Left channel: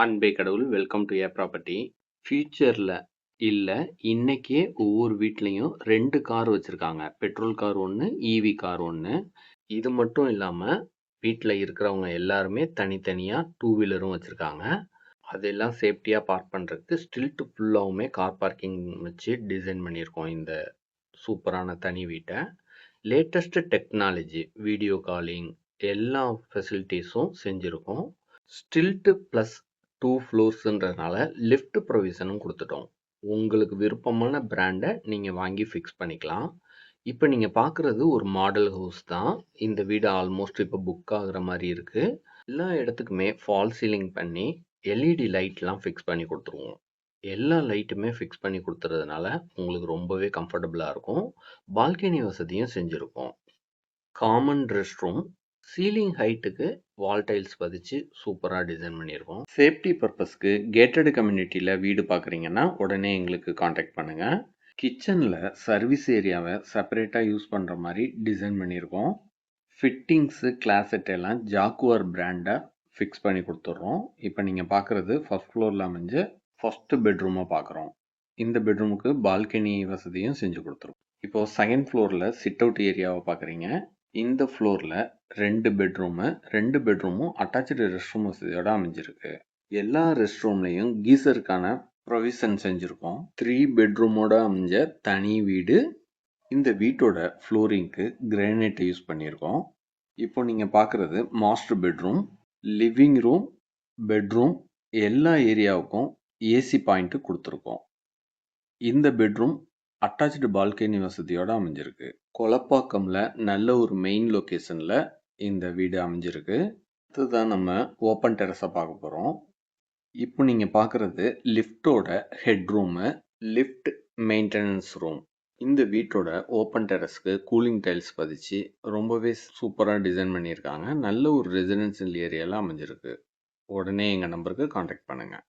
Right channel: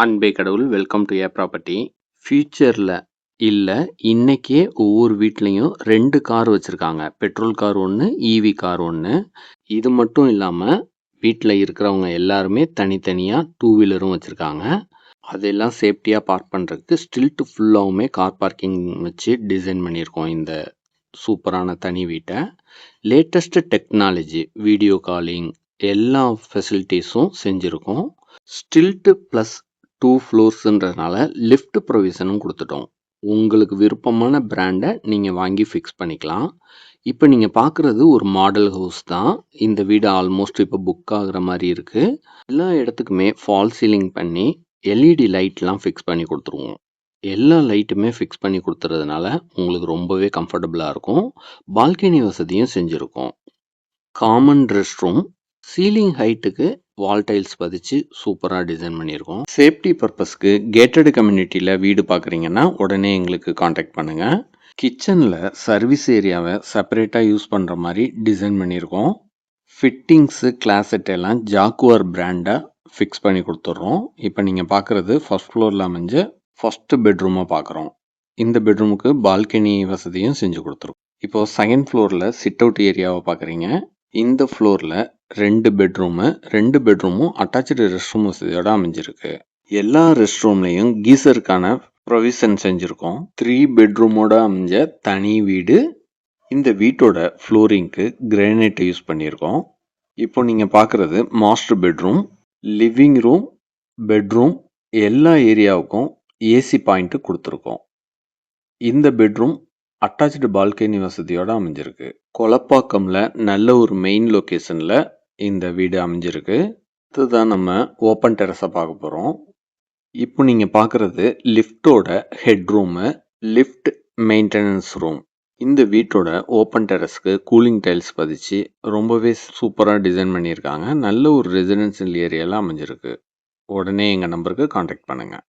அன்பே கடவுள் welcome to A property. ஃபியூச்சரில் இல்லை இன்னைக்கே ஒவ்வொரு வீட்லேயும் 2 கார் வச்சுருக்காங்க. பெட்ரோல் கார் ஒன்று, ஈவி கார் ஒன்று. இது மட்டும் இல்லாமல் வீட்டில் இருக்கிறவங்க எல்லாருமே தனித்தனியாக டூ வீலரும் வச்சுருக்காங்க. அதெல்லாம் சேஃப்டியாக பார்க் பண்ணுறதுக்கு ஸ்டில்ட்டு ஃபுல்லாகவுமே கார் பார்க்கிங் வச்சு டிசைன் பண்ணியிருக்கோம் இந்த சூப்பரான தனி வீட்டை. லேட்டஸ்ட்டு டெக்னாலஜி, வீடியோ காலிங் எல்லா ஃபெசிலிட்டிஸும் செஞ்சுருக்கோம். ஸ்டில்ட்டு ப்ளஸ் 2 ஃப்ளோர்ஸுன்றதுனால லிஃப்ட் ப்ரொவிஷனும் கொடுத்துட்டோம். உங்களுக்கு விருப்பமான பிராண்டை நீங்கள் வாங்கி ஃபிக்ஸ் பண்ணிக்கலாம். இப்போ நீங்கள் பார்க்குறது ஒரு மாடல் ஹவுஸ் தான். இந்த வீடு ஆல்மோஸ்ட் இப்போ புக் ஆகுற மாதிரி இருக்குது. எல்லா இடத்துக்குமே ஃபால் சீலிங் பண்ணி எல்இடி லைட்லாம் ஃபிக்ஸ் பண்ணி கொடுத்துருவோம். எல்லா லைட்டுமே ஃபிக்ஸ் பண்ணி கொடுத்துறதுனால உங்களுக்கு ரொம்பவே கம்ஃபர்டபுளாக இருக்கும். பால்கனி வசதியும் செஞ்சுருக்கோம். காமன் ரெஸ்ட் ரூம், சீலிங் ஹைட்டுக்கு வால் டைல்ஸ் பதிச்சு சூப்பராக டிசைன் பண்ணியிருக்கோம். சேஃப்டி பர்பஸ்க்கு கேட்டட் கம்யூனிட்டியில் வீடு பார்க்குறீங்கன்னா உடனே எங்களுக்கு காண்டாக்ட் பண்ணுங்கள். கிச்சனில் சர்வீஸ் ஏரியாவை செப்பரேட்டாக யூஸ் பண்ணுற மாதிரி டிசைன் பண்ணியிருக்கோம். ஃபிட்டிங்ஸு கிளாசெட் எல்லாம் ஜாக்குவார் பிராண்டை ஃபிக்ஸ் பண்ணி கொடுத்துட்றோம். இப்போ நீங்கள் பார்க்குறது ஃபர்ஸ்ட் ஃப்ளோரில் அமைஞ்ச ஃபஸ்ட்டு பெட்ரூமாக பார்க்குறோம். இந்த பெட்ரூமுக்கு பால்கனி வசதியும் செஞ்சு கொடுத்துருக்கோம். இப்போது செகண்ட் ஃப்ளோரில் சிட் அவுட் ஏரியாவை பார்க்குறீங்க. இந்த ஃப்ளோரில் 2 பெட்ரூமும் அட்டாச்சு ரெஸ்ட் ரூம் வசதியோடு அமைஞ்சிருக்கு. எல்லா ரெஸ்ட் ரூம்லேயும் கீசருக்கான ப்ரொவிஷன் செஞ்சுருக்கோம். 3 பெட்ரூமோட அமைஞ்ச தனி வீடு. இந்த வீட்டோட ஃப்ளோரிங்க்கு கிரானைட் யூஸ் பண்ணியிருக்கோம். இப்போ நீங்கள் பார்க்குறது master bedroom, living room, bedroom எல்லா ஏரியாவுக்கும் ஏசி பாயிண்ட்டு கொடுத்துருக்கோம். இந்த பெட்ரூம் அட்டாச்சு பால்கனி வசதியோடு அமைஞ்சிருக்கு. கொலப்பாக்கம்ல நல்ல ஒரு மெயின் லொக்கேஷனில் இந்த வீடு அமைஞ்சிருக்கு. இதுதான் நம்ம ஓப்பன் டெரஸை பார்க்க போகிறோம். இப்போ நீங்கள் பார்க்குறது லிஃப்டோட head room, lift maintenance room. இந்த வீட்டோட ஓப்பன் டெரஸ்க்கு கூலிங் டைல்ஸ் பதிச்சு ரொம்பவே சூப்பராக டிசைன் பண்ணியிருக்காங்க. நல்ல ஒரு ரெசிடென்ஷியல் ஏரியாவில் அமைஞ்சிருக்கு. உடனே எங்கள் நம்பருக்கு காண்டாக்ட் பண்ணுங்கள்.